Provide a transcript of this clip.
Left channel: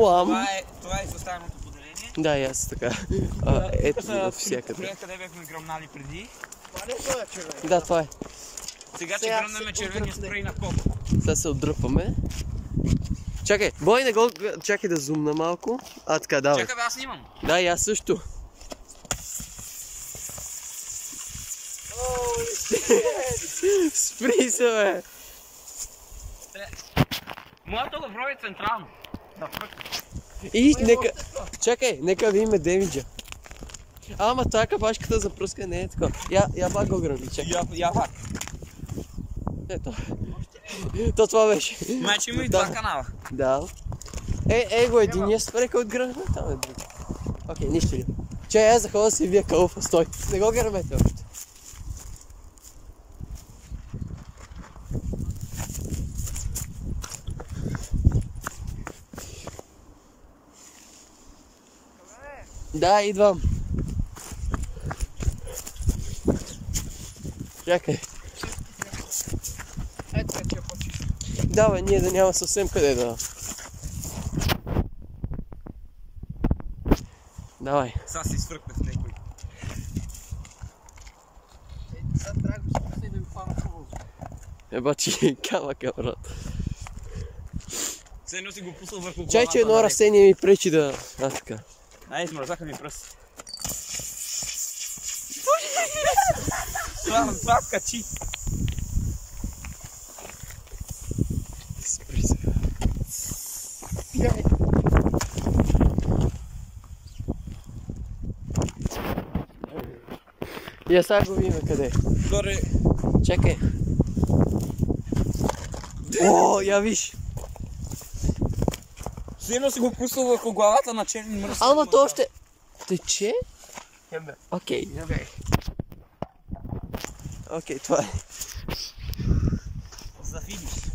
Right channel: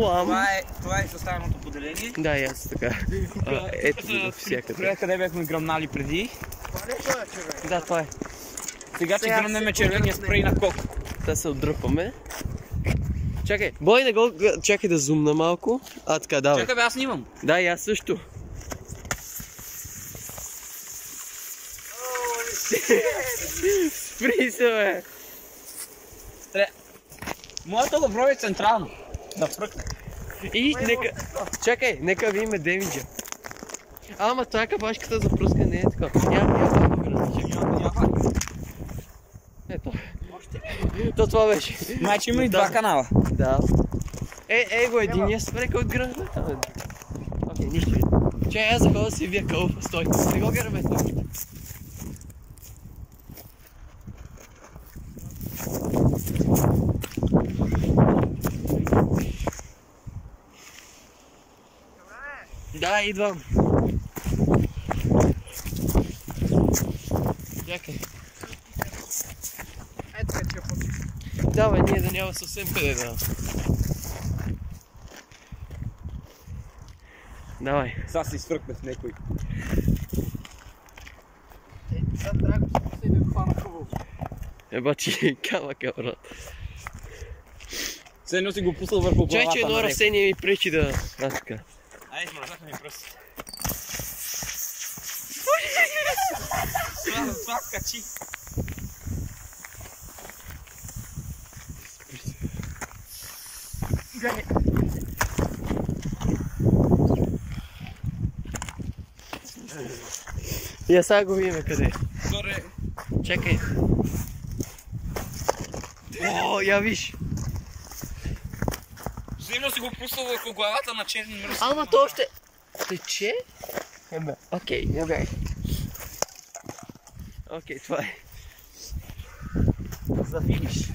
Това е изостаналото поделение. Да, и аз така. Ето го всякъде. Къде бяхме гръмнали преди. Това не е червен. Да, това е. Сега ще гръмнем червения спрей на кок. Сега се отдръпваме. Чакай, Бой, не го... Чакай да зумна малко. Така, давай. Чакай бе, аз снимам. Да, и аз също. Спри се, бе! Моето го пробва централно. Да пръкне. И нека... Чакай, нека видим демиджа. Ама това капачката за пръска не е така. Я пак го гръмна, чакай. Я пак. Ето. То това беше. Значи има и два канала. Да. Го единия спрека от гръмна, там е друг. Окей, нищо видно. Чай, аз захода си вие кълфа, стой. Не го гърмете още. Да, идвам. Чакай. Ето вече почва. Давай, ние да няма съвсем къде да... Давай. Сега си свъркне в някой. Сега трябва да го спусна и да го хвана хубаво. Ебачи, камъка, брат. Все едно си го пусал върху главата. Чай, че едно растение ми пречи да... така. Ай, измързаха ми пръстите. Това качи. Спри се. Я сега го видим къде. Горе. Чакай. О, я виж. Сигурно си го пуснал върху главата на черен мръс. Ама то още... Тече? Окей, я бях. Окей, това е. За да видиш.